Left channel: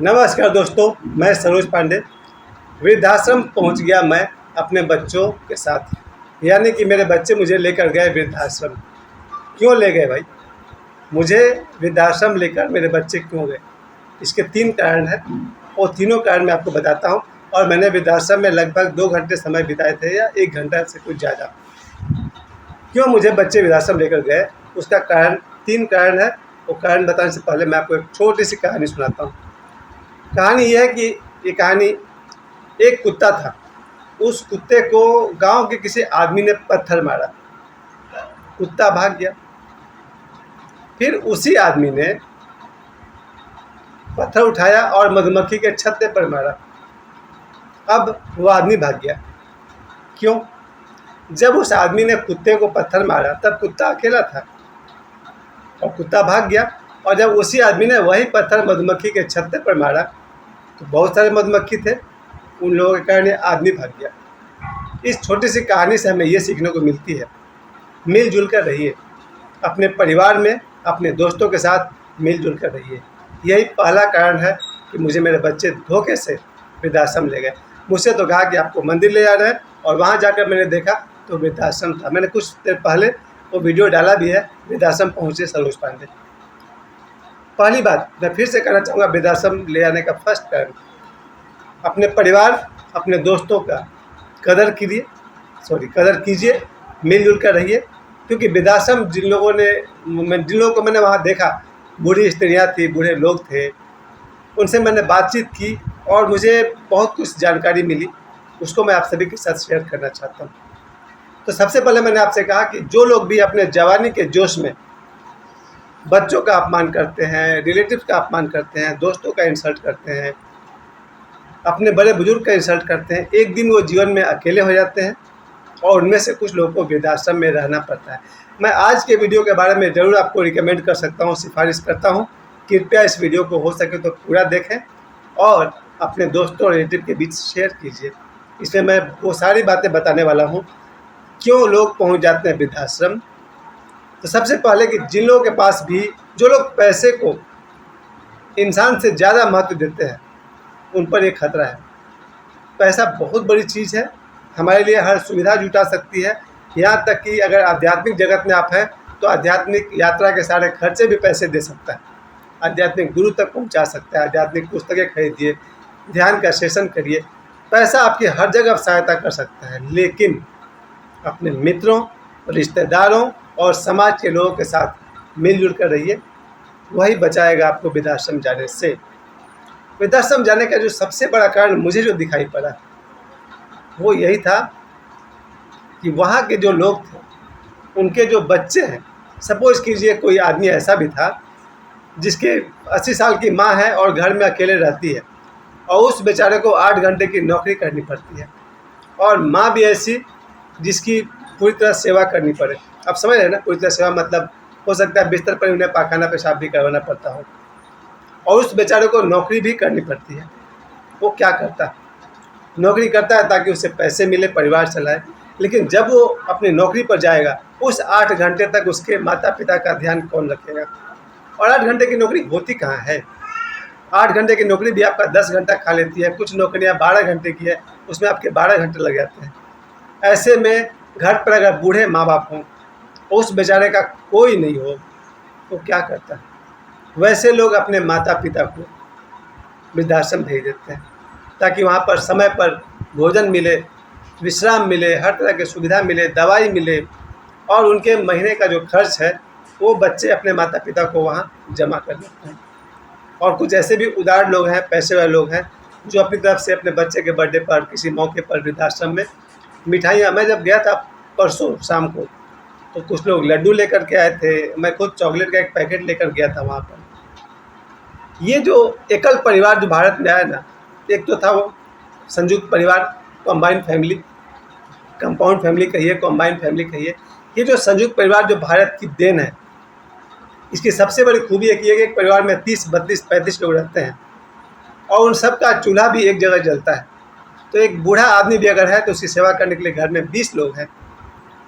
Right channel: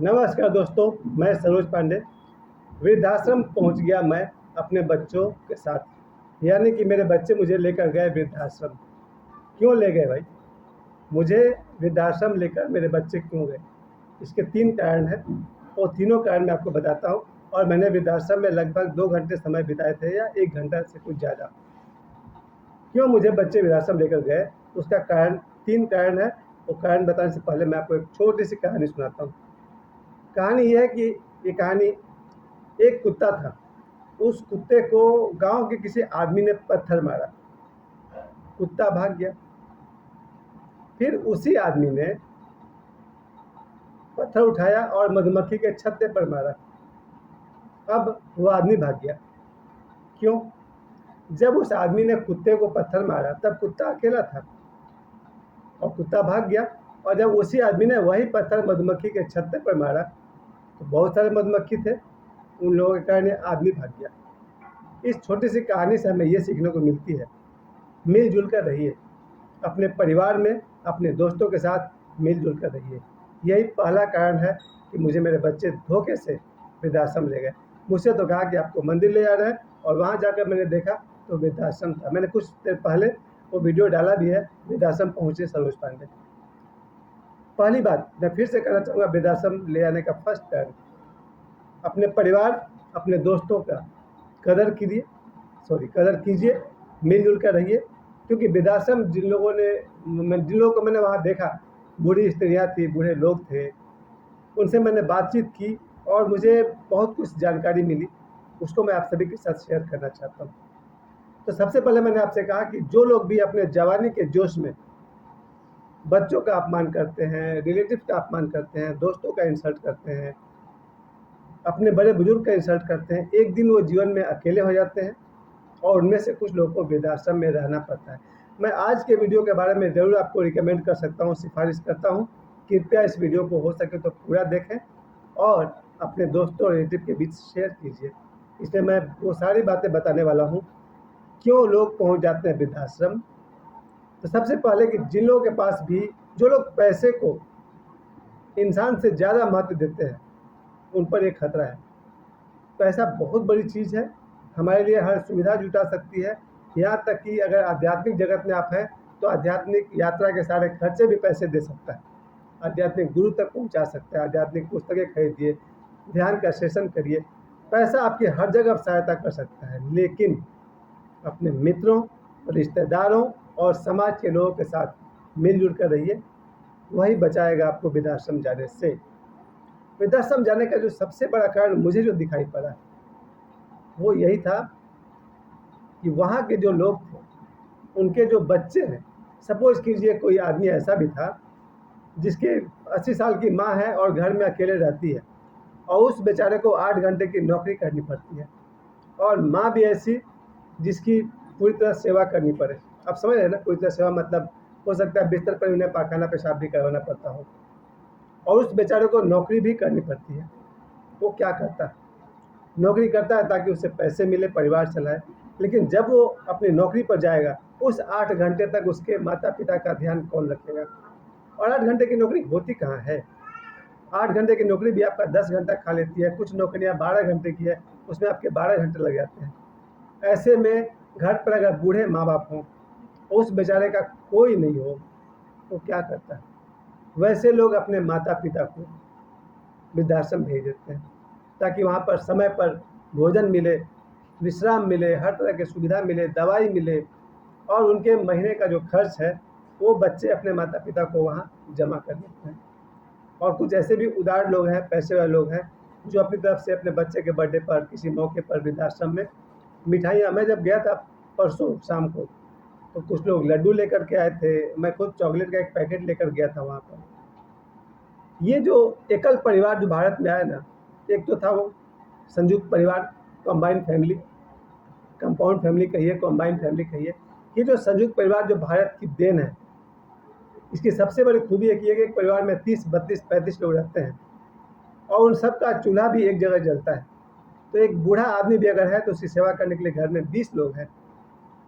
नमस्कार दोस्तों, मैं सरोज पांडे। वृद्धाश्रम पहुंच गया मैं अपने बच्चों के साथ। यानी कि मेरे बच्चे मुझे लेकर गए वृद्धाश्रम। क्यों ले गए भाई? मुझे वृद्धाश्रम लेकर मेरे बच्चे क्यों गए? इसके 3 कारण हैं और तीनों कारण मैं आपको बताता हूं। और मैंने वृद्धाश्रम में लगभग 2 घंटे समय बिताए थे या 1 घंटा से कुछ ज़्यादा। क्यों मुझे बच्चे वृद्धाश्रम लेकर गए, उसका कारण 3 कारण है। वो कारण बताने से पहले मैं आपको एक छोटी सी कहानी सुनाता हूँ। कहानी यह है कि ये कहानी, एक कुत्ता था। उस कुत्ते को गांव के किसी आदमी ने पत्थर मारा। कुत्ता भाग गया। फिर उसी आदमी ने पत्थर उठाया और मधुमक्खी के छत्ते पर मारा। अब वो आदमी भाग गया। क्यों? जब उस आदमी ने कुत्ते को पत्थर मारा तब कुत्ता अकेला था और कुत्ता भाग गया। और जब उसी आदमी ने वही पत्थर मधुमक्खी के छत्ते पर मारा तो बहुत सारे मधुमक्खी थे। उन लोगों के कारण ये आदमी भाग गया। इस छोटी सी कहानी से हमें ये सीखने को मिलती है, मिलजुल कर रहिए। अपने परिवार में, अपने दोस्तों के साथ मिलजुल कर रहिए। यही पहला कारण है कि मुझे मेरे बच्चे धोखे से वृद्धाश्रम ले गए। मुझसे तो कहा कि आपको मंदिर ले जा रहे हैं, और वहाँ जाकर मैंने देखा तो वृद्धाश्रम था। मैंने कुछ देर पहले वो वीडियो डाला भी है, वृद्धाश्रम पहुँचे सरोज पांडे। पहली बात मैं फिर से कहना चाहूँगा, वृद्धाश्रम ले जाने का फर्स्ट कारण, अपने परिवार, अपने दोस्तों का कदर कीजिए, मिलजुल कर रहिए। क्योंकि वृद्धाश्रम जिन लोगों को मैंने वहाँ देखा, बूढ़ी स्त्रियाँ थी, बूढ़े लोग थे, उनसे मैंने बातचीत की और मुझे बहुत कुछ जानकारी मिली। उसको मैं आप सभी के साथ शेयर करना चाहता हूँ। तो सबसे पहले मैंने आपसे कहा कि जो लोग भी अपने जवानी के जोश में बच्चों का अपमान करते हैं, रिलेटिव्स का अपमान करते हैं, दोस्तों का इंसल्ट करते हैं, अपने बड़े बुजुर्ग का इंसल्ट करते हैं, एक दिन वो जीवन में अकेले हो जाते हैं और उनमें से कुछ लोगों को वृद्धाश्रम में रहना पड़ता है। मैं आज के वीडियो के बारे में ज़रूर आपको रिकमेंड कर सकता हूँ, सिफारिश करता हूँ। कृपया इस वीडियो को हो सके तो पूरा देखें और अपने दोस्तों और रिलेटिव के बीच शेयर कीजिए। इसमें मैं वो सारी बातें बताने वाला हूँ, क्यों लोग पहुँच जाते हैं वृद्धाश्रम। तो सबसे पहले कि जिन लोगों के पास भी, जो लोग पैसे को इंसान से ज़्यादा महत्व देते हैं, उन पर एक खतरा है। पैसा बहुत बड़ी चीज़ है, हमारे लिए हर सुविधा जुटा सकती है। यहाँ तक कि अगर आध्यात्मिक जगत में आप हैं तो आध्यात्मिक यात्रा के सारे खर्चे भी पैसे दे सकता है, आध्यात्मिक गुरु तक पहुँचा सकता है। आध्यात्मिक पुस्तकें खरीदिए, ध्यान का सेशन करिए। पैसा आपकी हर जगह सहायता कर सकता है, लेकिन अपने मित्रों, रिश्तेदारों और समाज के लोगों के साथ मिलजुल कर रहिए। वही बचाएगा आपको वृद्धाश्रम जाने से। वृद्धाश्रम जाने का जो सबसे बड़ा कारण मुझे जो दिखाई पड़ा, वो यही था कि वहाँ के जो लोग थे, उनके जो बच्चे हैं, सपोज़ कीजिए कोई आदमी ऐसा भी था जिसके 80 साल की माँ है और घर में अकेले रहती है, और उस बेचारे को 8 घंटे की नौकरी करनी पड़ती है, और माँ भी ऐसी जिसकी पूरी तरह सेवा करनी पड़े। आप समझ रहे हैं ना, पूरी तरह सेवा मतलब हो सकता है बिस्तर पर उन्हें पाखाना पेशाब भी करवाना पड़ता हो, और उस बेचारे को नौकरी भी करनी पड़ती है। वो क्या करता है? नौकरी करता है ताकि उसे पैसे मिले, परिवार चलाए। लेकिन जब वो अपनी नौकरी पर जाएगा, उस 8 घंटे तक उसके माता पिता का ध्यान कौन रखेगा? और 8 घंटे की नौकरी होती कहाँ है? 8 घंटे की नौकरी भी आपका 10 घंटा खा लेती है। कुछ नौकरियाँ 12 घंटे की है, उसमें आपके 12 घंटे लग जाते हैं। ऐसे में घर पर अगर बूढ़े माँ बाप हों, उस बेचारे का कोई नहीं हो, तो क्या करता है? वैसे लोग अपने माता पिता को वृद्धाश्रम भेज देते हैं ताकि वहाँ पर समय पर भोजन मिले, विश्राम मिले, हर तरह की सुविधा मिले, दवाई मिले, और उनके महीने का जो खर्च है वो बच्चे अपने माता पिता को वहाँ जमा कर देते हैं। और कुछ ऐसे भी उदार लोग हैं, पैसे वाले लोग हैं, जो अपनी तरफ से अपने बच्चे के बर्थडे पर, किसी मौके पर वृद्धाश्रम में मिठाइयाँ, मैं जब गया था परसों शाम को, तो कुछ लोग लड्डू लेकर के आए थे, मैं खुद चॉकलेट का एक पैकेट लेकर गया था वहाँ पर। ये जो एकल परिवार जो भारत में आया ना, एक तो था वो संयुक्त परिवार, कॉम्बाइंड फैमिली, कंपाउंड फैमिली कहिए, कॉम्बाइंड फैमिली कहिए। ये जो संयुक्त परिवार जो भारत की देन है, इसकी सबसे बड़ी खूबी एक ये कि एक परिवार में 30, 32, 35 लोग रहते हैं, और उन सब का चूल्हा भी एक जगह जलता है। तो एक बूढ़ा आदमी भी अगर है तो उसकी सेवा करने के लिए घर में 20 लोग हैं।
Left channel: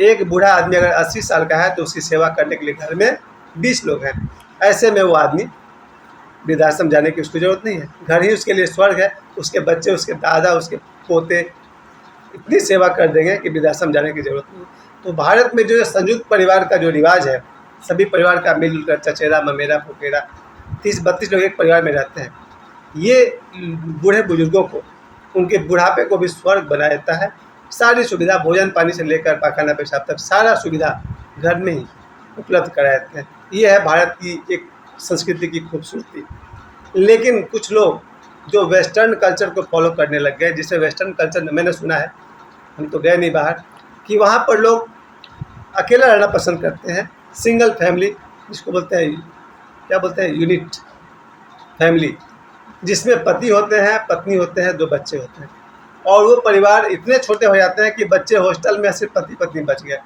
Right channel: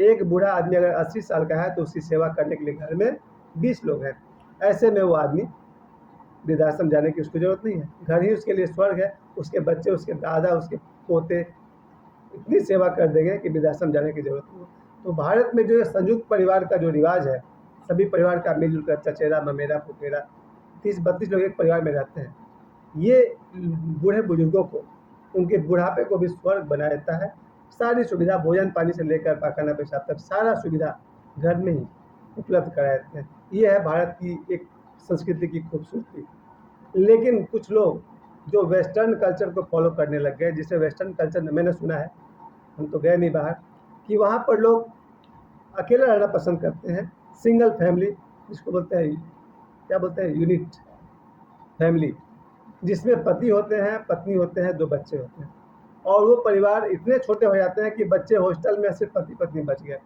एक बूढ़ा आदमी अगर 80 साल का है तो उसकी सेवा करने के लिए घर में 20 लोग हैं। ऐसे में वो आदमी वृद्धाश्रम जाने की उसको ज़रूरत नहीं है, घर ही उसके लिए स्वर्ग है। उसके बच्चे, उसके दादा, उसके पोते इतनी सेवा कर देंगे कि वृद्धाश्रम जाने की ज़रूरत नहीं। तो भारत में जो संयुक्त परिवार का जो रिवाज है, सभी परिवार का मिलजुल कर चचेरा ममेरा फुफेरा 30-32 लोग एक परिवार में रहते हैं, ये बूढ़े बुजुर्गों को उनके बुढ़ापे को भी स्वर्ग बना देता है। सारी सुविधा भोजन पानी से लेकर पाखाना पेशाब तक सारा सुविधा घर में ही उपलब्ध करा देते हैं। ये है भारत की एक संस्कृति की खूबसूरती। लेकिन कुछ लोग जो वेस्टर्न कल्चर को फॉलो करने लग गए, जिसे वेस्टर्न कल्चर में मैंने सुना है, हम तो गए नहीं बाहर, कि वहाँ पर लोग अकेला रहना पसंद करते हैं। सिंगल फैमिली जिसको बोलते हैं, क्या बोलते हैं, यूनिट फैमिली, जिसमें पति होते हैं, पत्नी होते हैं, 2 बच्चे होते हैं। और वो परिवार इतने छोटे हो जाते हैं कि बच्चे हॉस्टल में सिर्फ पति पत्नी बच गए।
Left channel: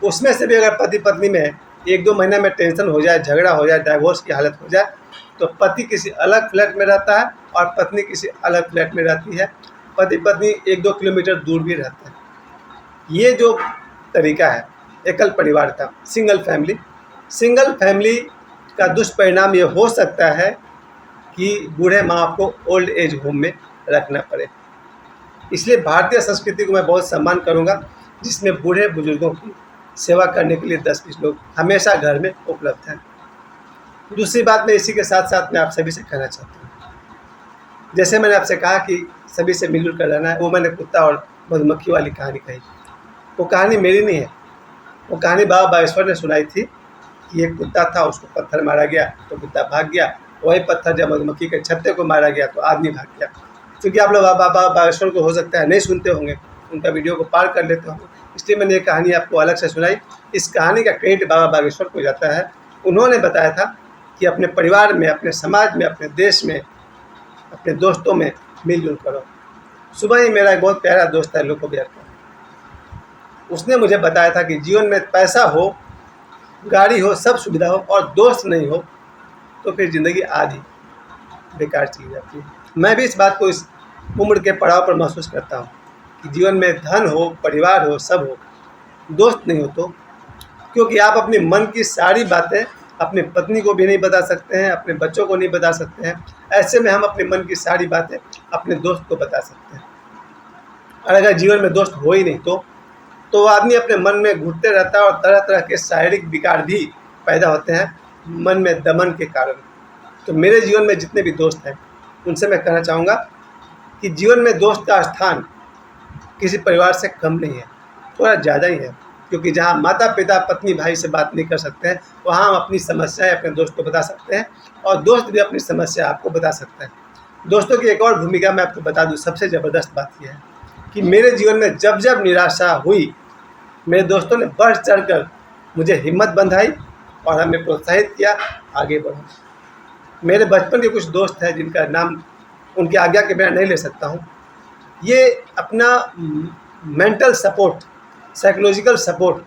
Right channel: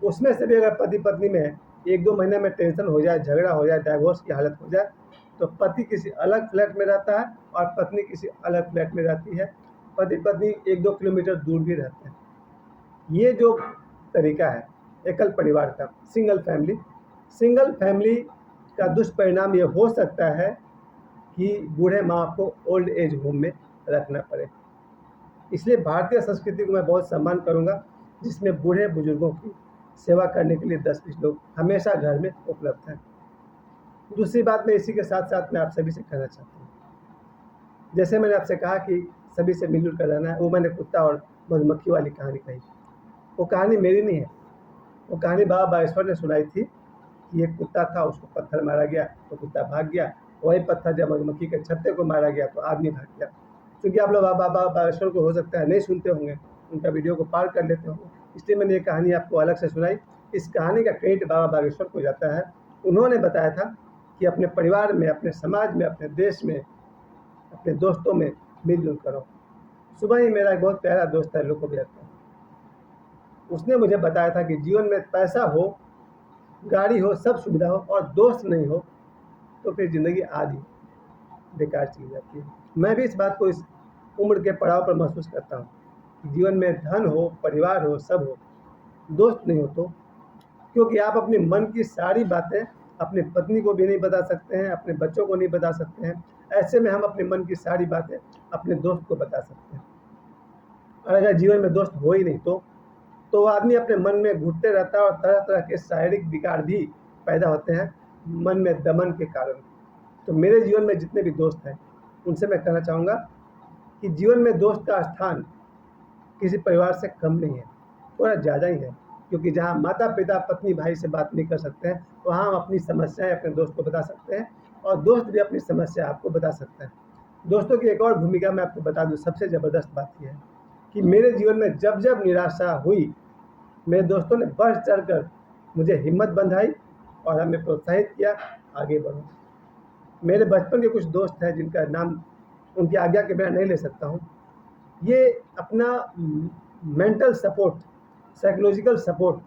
उसमें से भी अगर पति पत्नी में 1-2 महीने में टेंशन हो जाए, झगड़ा हो जाए, डाइवोर्स की हालत हो जाए, तो पति किसी अलग फ्लैट में रहता है और पत्नी किसी अलग फ्लैट में रहती है। पति पत्नी 1-2 किलोमीटर दूर भी रहते हैं। ये जो तरीका है एकल परिवार का, सिंगल फैमिली का दुष्परिणाम ये हो सकता है कि बूढ़े माँ बाप को ओल्ड एज होम में रखना पड़े। इसलिए भारतीय संस्कृति को मैं बहुत सम्मान करूँगा, जिसमें बूढ़े बुजुर्गों की सेवा करने के लिए 10-20 लोग हमेशा घर में उपलब्ध हैं। दूसरी बात मैं इसी के साथ साथ मैं आप सभी से कहना चाहता हूँ, जैसे मैंने आपसे कहा कि सभी से मिलजुल कर रहना है, वो मैंने कुत्ता और मधुमक्खी वाली कहानी कही। वो कहानी मेरी नहीं है, वो कहानी बाबा बागेश्वर ने सुनाई थी कि एक कुत्ता था, उसको पत्थर मारा गया तो कुत्ता भाग गया। वही पत्थर जब मधुमक्खी के छत्ते को मारा गया तो आदमी भाग गया। क्योंकि आप लोग बाबा बागेश्वर को हो सकता है नहीं सुनते होंगे, उनका वीडियो को पार कर लेते होंगे, इसलिए मैंने ये कहानी आपको अलग से सुनाई। इस कहानी का क्रेडिट बाबा बागेश्वर को जाता है। उन्होंने बताया था कि अपने परिवार में, अपने समाज में, अपने देश में, अपने दोस्तों में मिलजुल करो। सुबह ही मेरा एक बहुत प्यारा दोस्त है लोको भैया, उसने मुझे बताया था कि जीवन में पैसा हो, गाड़ी हो, सब सुविधा हो और दोस्त नहीं हो तो फिर ज़िंदगी आधी बेकार चली जाती है। मैं भी इस बात को इस उम्र के पड़ाव पर महसूस करता हूँ कि जीवन में धन हो, परिवार हो, सब हो, दोस्त नहीं हो तो, क्योंकि आप अपने मन की सारी बातें अपनी पत्नी को भी नहीं बता सकते हैं, अपने बच्चों को नहीं बता सकते हैं। ऐसे में हम अपने मन की सारी बातें अपने दोस्त को बता सकते हैं। और अगर जीवन में दोस्त हो ही नहीं तो वो आदमी अपने मन में घुटते रहता है और तरह तरह के शारीरिक विकार भी पैदा होते हैं मन में दमन के कारण। तो मेरे जीवन में जितने भी दोस्त हैं उनसे मैं कहना चाहूँगा कि जीवन में दोस्त का स्थान किसी परिवार से कम नहीं है, थोड़ा ज़्यादा ही है। क्योंकि जहाँ माता पिता पत्नी भाई से बात नहीं कर सकते हैं, वहाँ हम अपनी समस्याएं अपने दोस्त को बता सकते हैं और दोस्त भी अपनी समस्या आपको बता सकते हैं। दोस्तों की एक और भूमिका मैं आपको बता दूँ, सबसे ज़बरदस्त बात यह है कि मेरे जीवन में जब जब निराशा हुई, मेरे दोस्तों ने बढ़ चढ़ कर मुझे हिम्मत बंधाई और हमें प्रोत्साहित किया आगे बढ़ो। मेरे बचपन के कुछ दोस्त हैं जिनका नाम उनकी आज्ञा के बिना नहीं ले सकता हूँ। ये अपना मेंटल सपोर्ट, साइकोलॉजिकल सपोर्ट,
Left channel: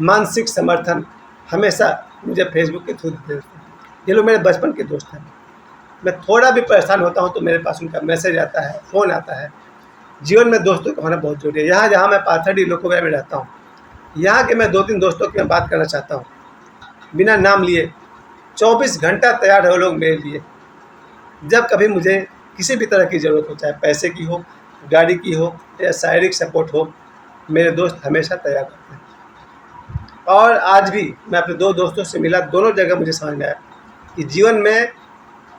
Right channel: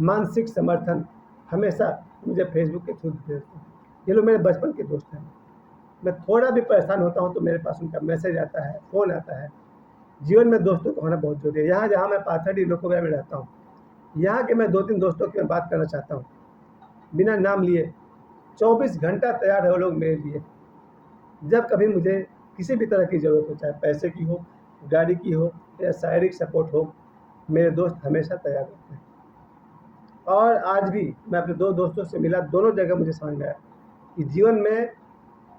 मानसिक समर्थन हमेशा मुझे फेसबुक के थ्रू देते हैं। ये लोग मेरे बचपन के दोस्त हैं। मैं थोड़ा भी परेशान होता हूँ तो मेरे पास उनका मैसेज आता है, फ़ोन आता है। जीवन में दोस्तों का होना बहुत जरूरी है। यहाँ जहाँ मैं पाथरडी लोकोगया में रहता हूँ, यहाँ के मैं 2-3 दोस्तों की मैं बात करना चाहता हूँ, बिना नाम लिए। 24 घंटा तैयार है वो लोग मेरे लिए। जब कभी मुझे किसी भी तरह की ज़रूरत हो, चाहे पैसे की हो, गाड़ी की हो या शारीरिक सपोर्ट हो, मेरे दोस्त हमेशा तैयार रहते हैं। और आज भी मैं अपने 2 दोस्तों से मिला, दोनों जगह मुझे समझ में आया कि जीवन में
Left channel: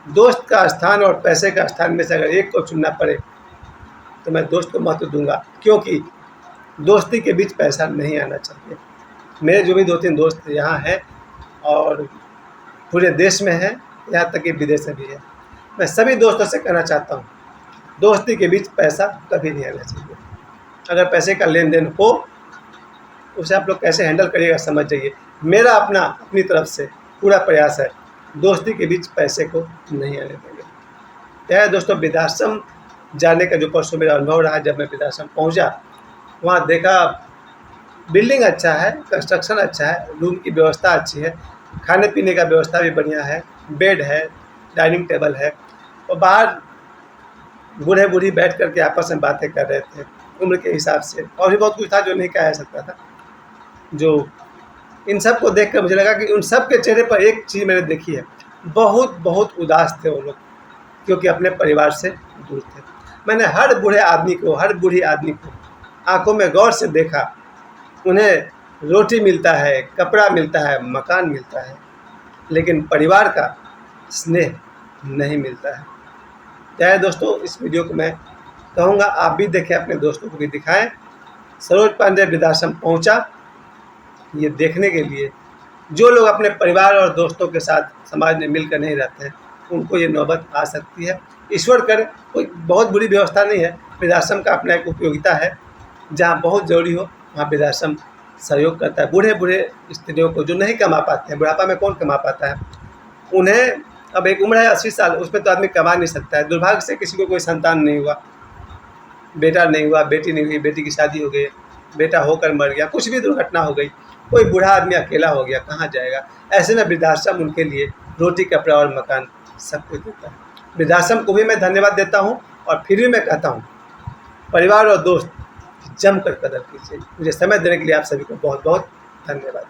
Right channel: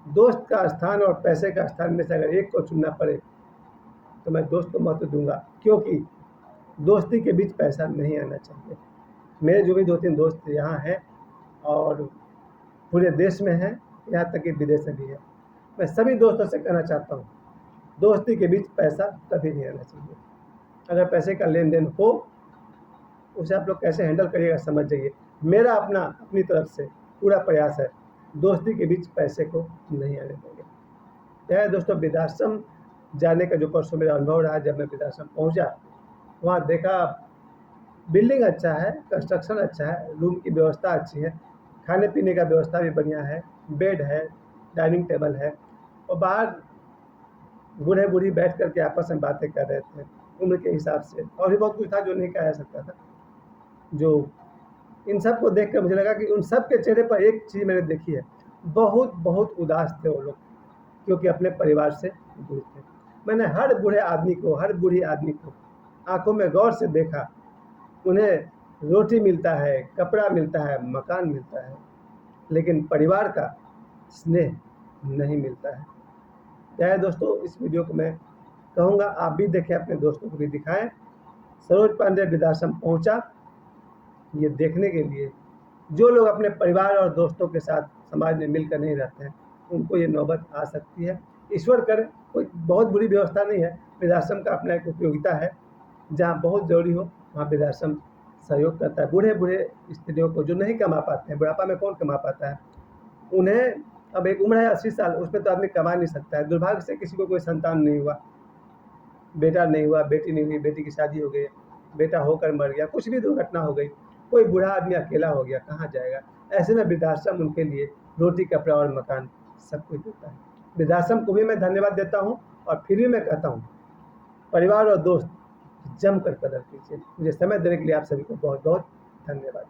दोस्त का स्थान और पैसे का स्थान में से अगर एक को चुनना पड़े तो मैं दोस्त को महत्व दूंगा, क्योंकि दोस्ती के बीच पैसा नहीं आना चाहिए। मेरे जो भी 2-3 दोस्त यहाँ हैं और पूरे देश में हैं, यहाँ तक कि विदेश में भी है, मैं सभी दोस्तों से कहना चाहता हूँ, दोस्ती के बीच पैसा कभी नहीं आना चाहिए। अगर पैसे का लेन देन हो, उसे आप लोग कैसे हैंडल करिएगा समझ जाइए। मेरा अपनी तरफ से पूरा प्रयास है, दोस्ती के बीच पैसे को नहीं आने देंगे। क्या है दोस्तों, वृद्धाश्रम जाने का जो परसों मेरा अनुभव रहा, जब मैं वृद्धाश्रम पहुँचा, वहाँ देखा बिल्डिंग अच्छा है, कंस्ट्रक्शन अच्छा है, रूम की व्यवस्था अच्छी है, खाने पीने का व्यवस्था भी बढ़िया है, बेड है, डाइनिंग टेबल है, और बाहर बूढ़े बूढ़ी बैठ कर के आपस में बातें कर रहे थे उम्र के हिसाब से, और भी बहुत कुछ था जो नहीं कहा जा सकता था। जो इन सब को देख कर मुझे लगा कि उन सब के चेहरे पर एक चीज़ मैंने देखी है, बहुत बहुत उदास थे वो लोग, क्योंकि अपने परिवार से दूर थे। मैंने हर बूढ़े आदमी को, हर बूढ़ी आदमी को आंखों में गौर से देखा। उन्हें रोटी मिलता है, कपड़ा मिलता है, मकान मिलता है, लेकिन परिवार का स्नेह नहीं मिलता है। चाहे दोस्तों, इस वीडियो को मैं कहूँगा आप भी देखें, अपने दोस्तों को भी दिखाएं। सरोज पांडे वृद्धाश्रम पहुँचा ये देखने के लिए। जो लोग अपने परिवार और दोस्तों के साथ समाज में मिलकर नहीं रहते हैं, उनको ये नौबत आ सकती है। ईश्वर करे, कोई बहुत बुरी व्यवस्था नहीं है। वृद्धाश्रम का अपना एक उपयोगिता है। जहाँ बहुत ज़रूरी हो वहाँ वृद्धाश्रम सहयोग करता है। बूढ़े बूढ़े स्त्रियों को जो नहीं कमा पाते हैं, बुढ़ापा में कौन कमा पाता है, उन्हें अब एक उम्र है 80 साल, उसमें तो आदमी कमा नहीं सकता है। दुर्भाग्य से किसी को कोई संतान नहीं हुआ, बेटा नहीं हुआ, बेटी नहीं हुई, बेटी की शादी हो गई, बेटा होकर मर गया, कुछ भी दुर्घटना हो गई, कोई बूढ़ा आदमी अकेला हो गया, कहाँ जाएगा। ऐसे में वृद्धाश्रम उनके लिए रोटी, कपड़ा और मकान सब कुछ देता है। वृद्धाश्रम को भी मैं धन्यवाद देता हूँ, और फिर भी मैं कहता हूँ, परिवार और दोस्त जमकर कदर कीजिए। मुझे समय देने के लिए आप सभी को बहुत बहुत धन्यवाद।